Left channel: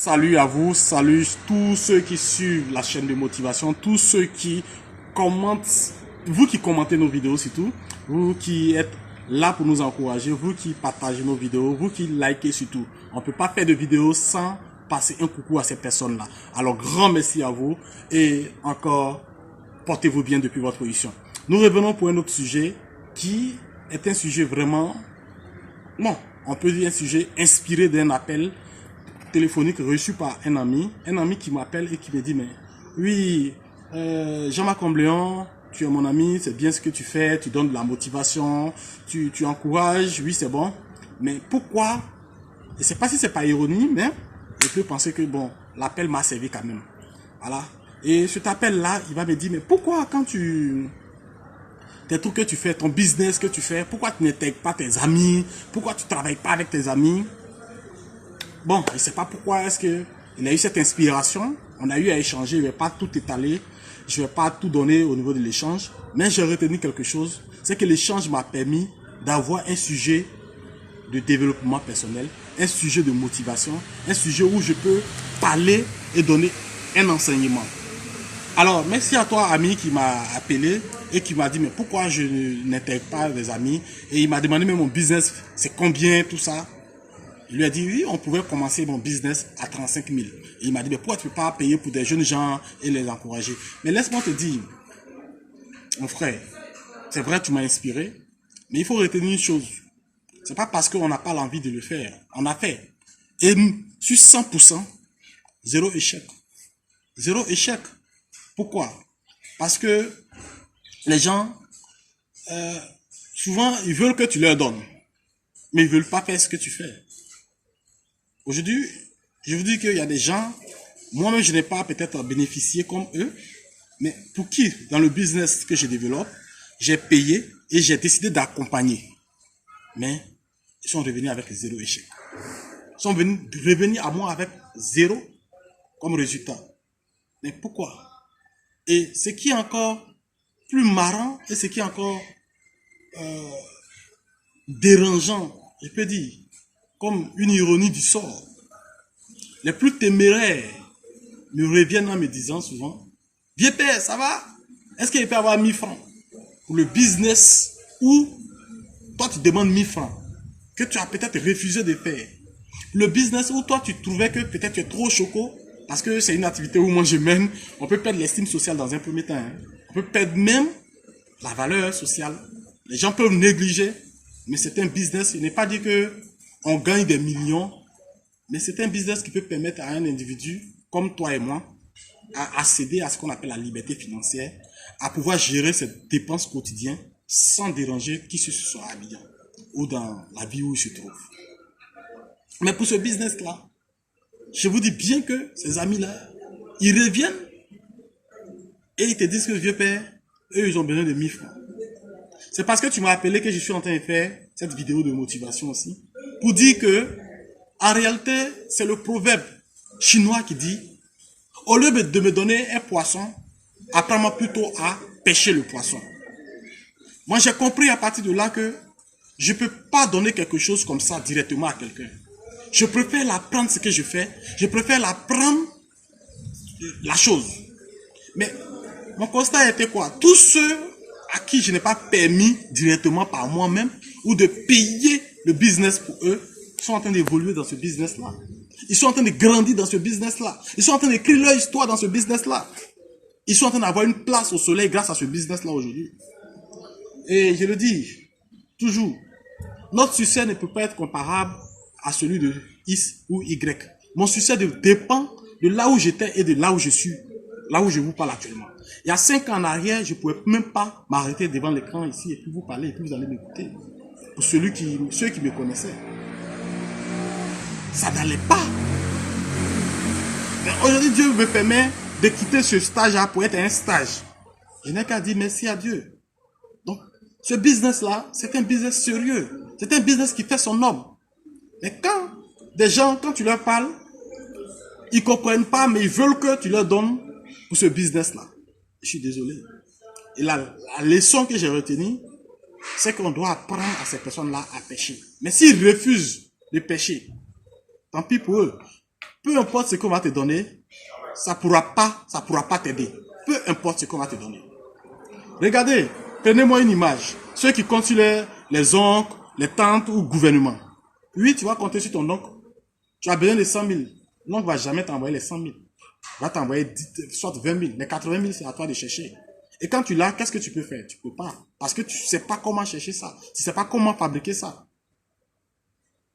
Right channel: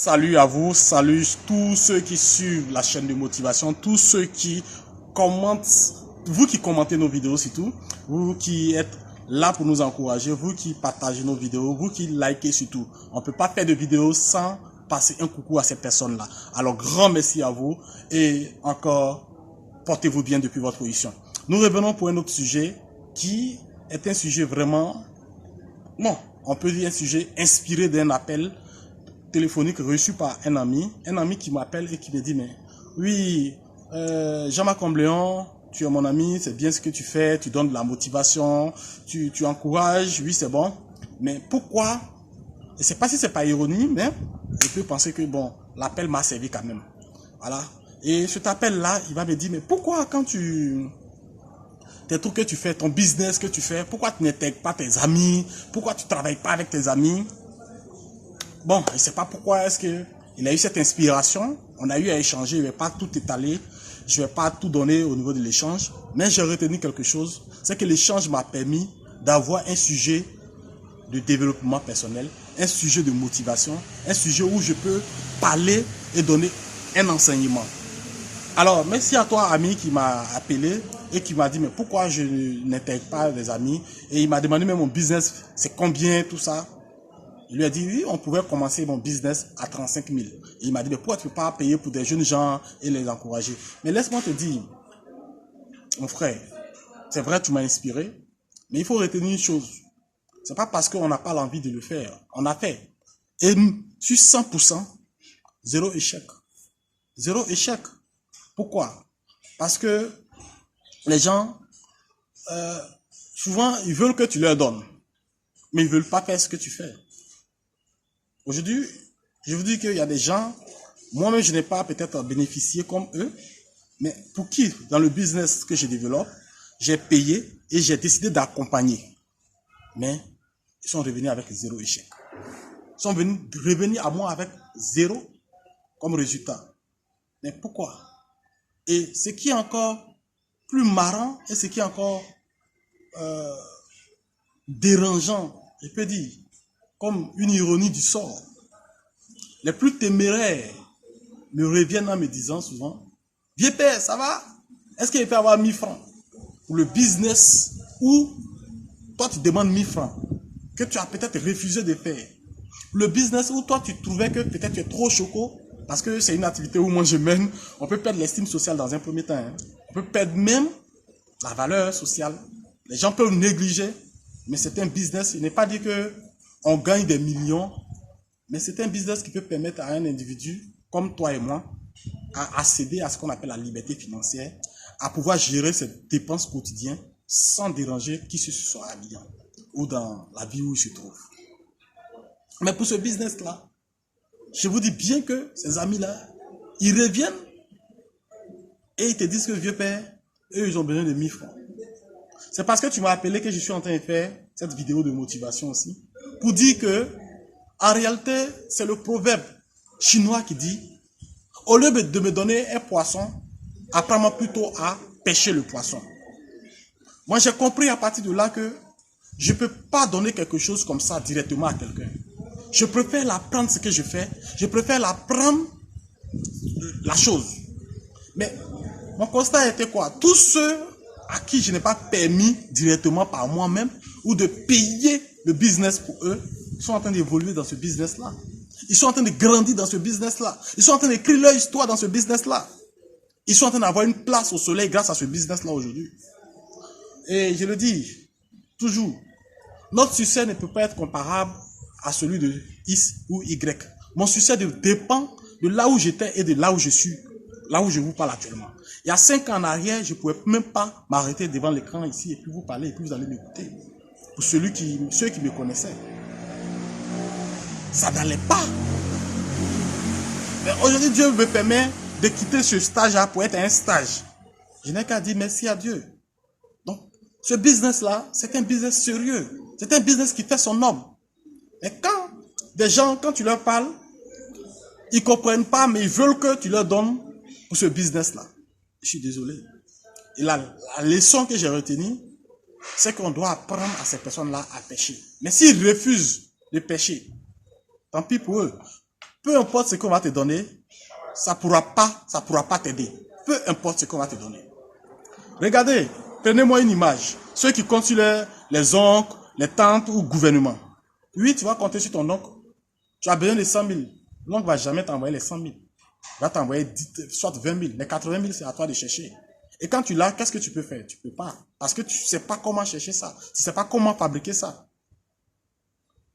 Salut à vous, salut tous ceux qui suivent la chaîne de motivation, tous ceux qui commentent, vous qui commentez nos vidéos surtout, vous qui êtes là pour nous encourager, vous qui partagez nos vidéos, vous qui likez surtout. On ne peut pas faire de vidéo sans passer un coucou à ces personnes-là. Alors grand merci à vous et encore portez-vous bien depuis votre position. Nous revenons pour un autre sujet qui est un sujet vraiment, bon, on peut dire un sujet inspiré d'un appel téléphonique reçu par un ami qui m'appelle et qui me dit, mais oui, Jean-Marc Combléon, tu es mon ami, c'est bien ce que tu fais, tu donnes de la motivation, tu encourages, oui c'est bon, mais pourquoi, et c'est pas si c'est pas ironie, mais je peux penser que bon, l'appel m'a servi quand même, voilà, et cet appel-là, il va me dire, mais pourquoi quand tes trucs que tu fais, ton business que tu fais, pourquoi tu n'intègres pas tes amis, pourquoi tu ne travailles pas avec tes amis? Bon, je ne sais pas pourquoi est-ce qu'il a eu cette inspiration. On a eu à échanger, je ne vais pas tout étaler, je ne vais pas tout donner au niveau de l'échange, mais j'ai retenu quelque chose, c'est que l'échange m'a permis d'avoir un sujet de développement personnel, un sujet de motivation, un sujet où je peux parler et donner un enseignement. Alors, merci à toi, ami, qui m'a appelé et qui m'a dit, mais pourquoi je n'intègre pas des amis? Et il m'a demandé, mais mon business, c'est combien, tout ça? Il lui a dit, oui, on pouvait commencer mon business à 35 000. Et il m'a dit, mais pourquoi tu ne peux pas payer pour des jeunes gens et les encourager? Mais laisse-moi te dire, mon frère, c'est vrai, tu m'as inspiré, mais il faut retenir une chose. Ce n'est pas parce qu'on n'a pas l'envie de le faire. On a fait. Et sur 100%, zéro échec. Zéro échec. Pourquoi? Parce que les gens, souvent, ils veulent que tu leur donnes, mais ils ne veulent pas faire ce que tu fais. Aujourd'hui, je vous dis qu'il y a des gens, moi-même je n'ai pas peut-être bénéficié comme eux, mais pour qui, dans le business que je développe, j'ai payé et j'ai décidé d'accompagner. Mais ils sont revenus avec zéro échec. Ils sont revenus à moi avec zéro comme résultat. Mais pourquoi? Et ce qui est encore plus marrant et ce qui est encore dérangeant, je peux dire, comme une ironie du sort, les plus téméraires me reviennent en me disant souvent, vieux père, ça va? Est-ce qu'il peut avoir 1000 francs pour le business où toi tu demandes 1000 francs que tu as peut-être refusé de faire? Le business où toi tu trouvais que peut-être tu es trop choco parce que c'est une activité où moi je mène, on peut perdre l'estime sociale dans un premier temps. Hein. On peut perdre même la valeur sociale. Les gens peuvent négliger, mais c'est un business. Il n'est pas dit qu'on gagne des millions, mais c'est un business qui peut permettre à un individu comme toi et moi à accéder à ce qu'on appelle la liberté financière, à pouvoir gérer ses dépenses quotidiennes sans déranger qui se soit habillant ou dans la vie où il se trouve. Mais pour ce business-là, je vous dis bien que ces amis-là, ils reviennent et ils te disent que vieux père, eux, ils ont besoin de 1000 francs. C'est parce que tu m'as appelé que je suis en train de faire cette vidéo de motivation aussi, pour dire que, en réalité, c'est le proverbe chinois qui dit, au lieu de me donner un poisson, apprends-moi plutôt à pêcher le poisson. Moi, j'ai compris à partir de là que je ne peux pas donner quelque chose comme ça directement à quelqu'un. Je préfère l'apprendre ce que je fais. Je préfère l'apprendre la chose. Mais mon constat était quoi? Tous ceux à qui je n'ai pas permis directement par moi-même ou de payer le business pour eux, sont en train d'évoluer dans ce business-là. Ils sont en train de grandir dans ce business-là. Ils sont en train d'écrire leur histoire dans ce business-là. Ils sont en train d'avoir une place au soleil grâce à ce business-là aujourd'hui. Et je le dis toujours, notre succès ne peut pas être comparable à celui de X ou Y. Mon succès dépend de là où j'étais et de là où je suis, là où je vous parle actuellement. Il y a 5 ans en arrière, je ne pouvais même pas m'arrêter devant l'écran ici et puis vous parler et puis vous allez m'écouter. Pour ceux qui me connaissaient. Ça n'allait pas. Mais aujourd'hui, Dieu me permet de quitter ce stage-là pour être un stage. Je n'ai qu'à dire merci à Dieu. Donc, ce business-là, c'est un business sérieux. C'est un business qui fait son homme. Mais quand des gens, quand tu leur parles, ils ne comprennent pas, mais ils veulent que tu leur donnes pour ce business-là. Je suis désolé. Et la leçon que j'ai retenue, c'est qu'on doit apprendre à ces personnes-là à pêcher. Mais s'ils refusent de pêcher, tant pis pour eux. peu importe ce qu'on va te donner, ça pourra pas t'aider. Peu importe ce qu'on va te donner. Regardez, prenez-moi une image. Ceux qui comptent sur les oncles, les tantes ou le gouvernement. Oui, tu vas compter sur ton oncle. Tu as besoin de 100 000. L'oncle ne va jamais t'envoyer les 100 000. Il va t'envoyer soit 20 000. Les 80 000, c'est à toi de chercher. Et quand tu l'as, qu'est-ce que tu peux faire? Tu ne peux pas. Parce que tu ne sais pas comment chercher ça. Tu ne sais pas comment fabriquer ça.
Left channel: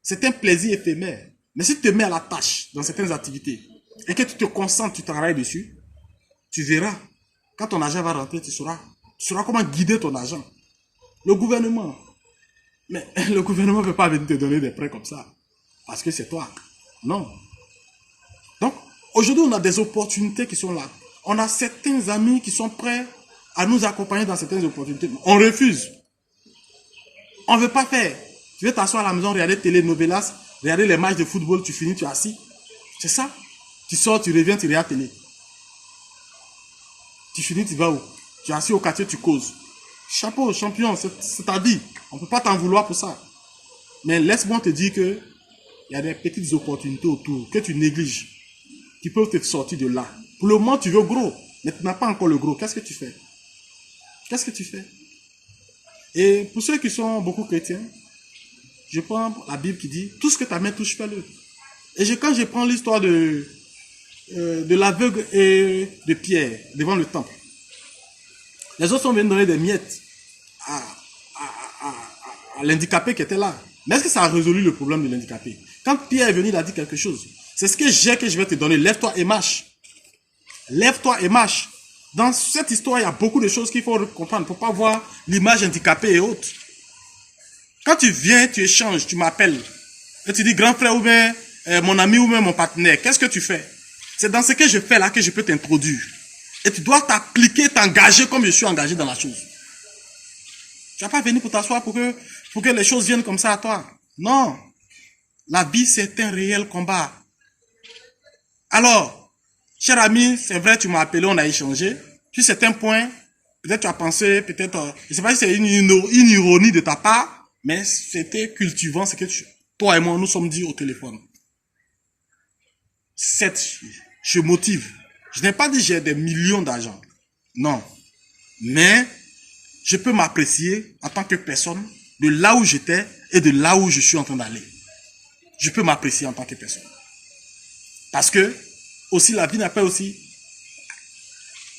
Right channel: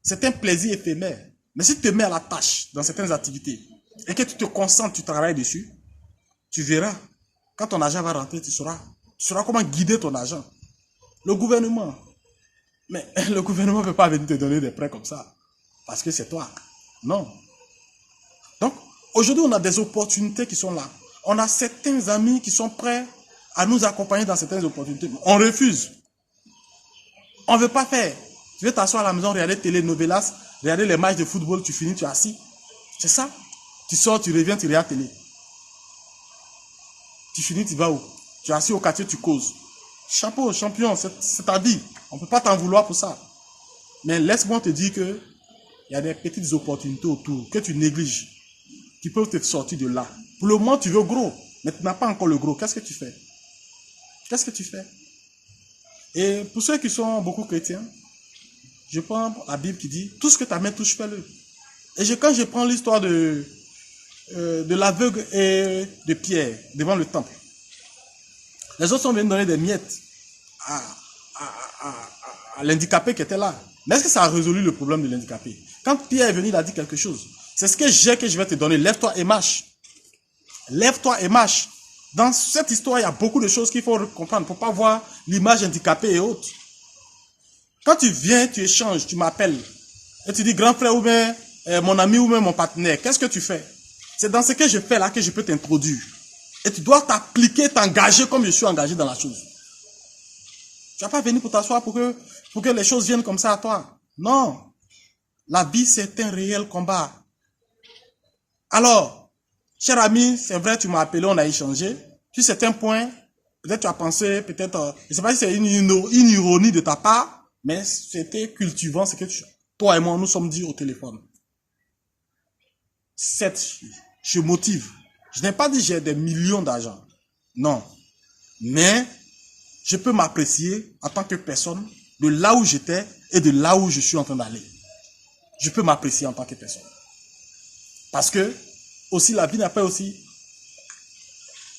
C'est un plaisir éphémère. Mais si tu te mets à la tâche dans certaines activités et que tu te concentres, tu travailles dessus, tu verras. Quand ton argent va rentrer, tu sauras comment guider ton argent. Le gouvernement. Mais le gouvernement ne peut pas venir te donner des prêts comme ça. Parce que c'est toi. Non. Donc, aujourd'hui, on a des opportunités qui sont là. On a certains amis qui sont prêts à nous accompagner dans certaines opportunités. On refuse. On ne veut pas faire. Tu veux t'asseoir à la maison, regarder télénovelas, regarder les matchs de football, tu finis, tu es assis. C'est ça. Tu sors, tu reviens, tu regardes télé. Tu finis, tu vas où? Tu es assis au quartier, tu causes. Chapeau, champion, c'est ta vie. On ne peut pas t'en vouloir pour ça. Mais laisse-moi te dire que il y a des petites opportunités autour que tu négliges, qui peuvent te sortir de là. Pour le moment, tu veux gros, mais tu n'as pas encore le gros. Qu'est-ce que tu fais? Qu'est-ce que tu fais? Et pour ceux qui sont beaucoup chrétiens, je prends la Bible qui dit, tout ce que ta main touche, fais-le. Et quand je prends l'histoire de l'aveugle et de Pierre devant le temple, les autres sont venus donner des miettes à l'handicapé qui était là. Mais est-ce que ça a résolu le problème de l'handicapé? Quand Pierre est venu, il a dit quelque chose. C'est ce que j'ai que je vais te donner. Lève-toi et marche. Lève-toi et marche. Dans cette histoire, il y a beaucoup de choses qu'il faut comprendre. Il ne faut pas voir l'image handicapée et autres. Quand tu viens, tu échanges, tu m'appelles. Et tu dis, grand frère ou bien mon ami ou bien mon partenaire, qu'est-ce que tu fais? C'est dans ce que je fais là que je peux t'introduire. Et tu dois t'appliquer, t'engager comme je suis engagé dans la chose. Tu n'as pas venu pour t'asseoir pour que les choses viennent comme ça à toi. Non. La vie, c'est un réel combat. Alors, cher ami, c'est vrai, tu m'as appelé, on a échangé. Sur certains points, peut-être tu as pensé, peut-être, je ne sais pas si c'est une ironie de ta part, mais c'était cultivant, c'est que toi et moi, nous sommes dit au téléphone. Je motive. Je n'ai pas dit que j'ai des millions d'argent. Non. Mais, je peux m'apprécier en tant que personne de là où j'étais et de là où je suis en train d'aller. Je peux m'apprécier en tant que personne. Parce que, aussi, la vie n'est pas aussi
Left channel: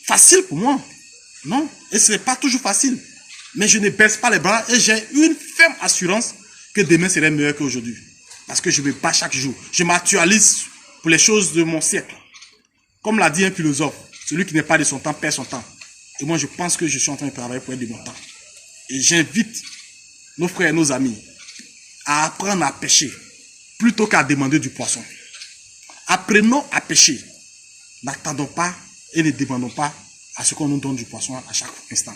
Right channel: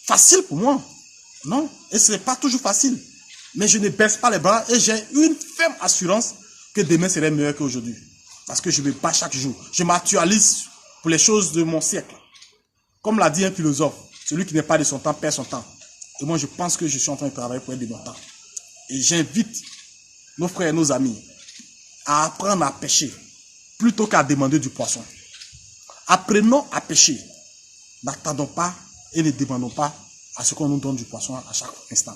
facile pour moi. Non. Et ce n'est pas toujours facile. Mais je ne baisse pas les bras et j'ai une ferme assurance que demain serait meilleur qu'aujourd'hui. Parce que je me bats chaque jour. Je m'actualise pour les choses de mon siècle. Comme l'a dit un philosophe, celui qui n'est pas de son temps perd son temps. Et moi, je pense que je suis en train de travailler pour être de mon temps. Et j'invite nos frères et nos amis à apprendre à pêcher plutôt qu'à demander du poisson. Apprenons à pêcher. N'attendons pas et ne demandons pas à ce qu'on nous donne du poisson à chaque instant.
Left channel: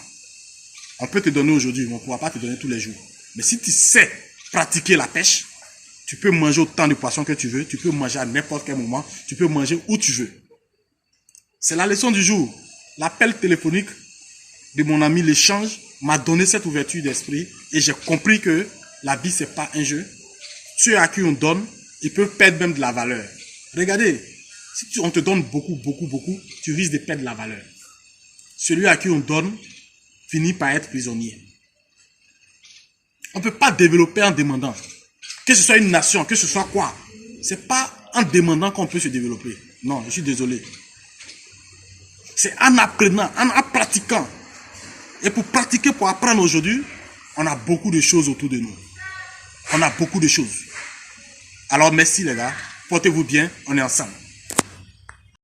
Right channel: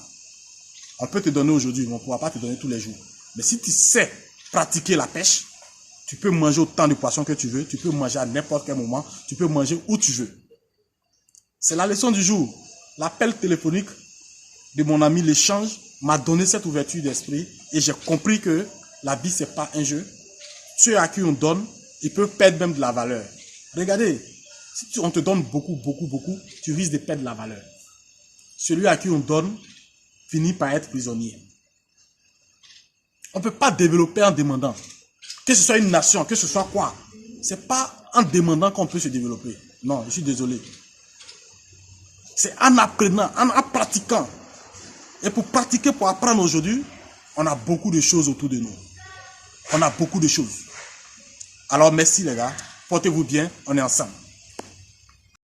On peut te donner aujourd'hui, mais on ne pourra pas te donner tous les jours. Mais si tu sais pratiquer la pêche, tu peux manger autant de poissons que tu veux, tu peux manger à n'importe quel moment, tu peux manger où tu veux. C'est la leçon du jour. L'appel téléphonique de mon ami L'échange m'a donné cette ouverture d'esprit et j'ai compris que la vie, ce n'est pas un jeu. Ceux à qui on donne, ils peuvent perdre même de la valeur. Regardez, si on te donne beaucoup, tu risques de perdre de la valeur. Celui à qui on donne finit par être prisonnier. On ne peut pas développer en demandant. Que ce soit une nation, que ce soit quoi. Ce n'est pas en demandant qu'on peut se développer. Non, je suis désolé. C'est en apprenant, en pratiquant. Et pour pratiquer, pour apprendre aujourd'hui, on a beaucoup de choses autour de nous. On a beaucoup de choses. Alors merci les gars, portez-vous bien, on est ensemble.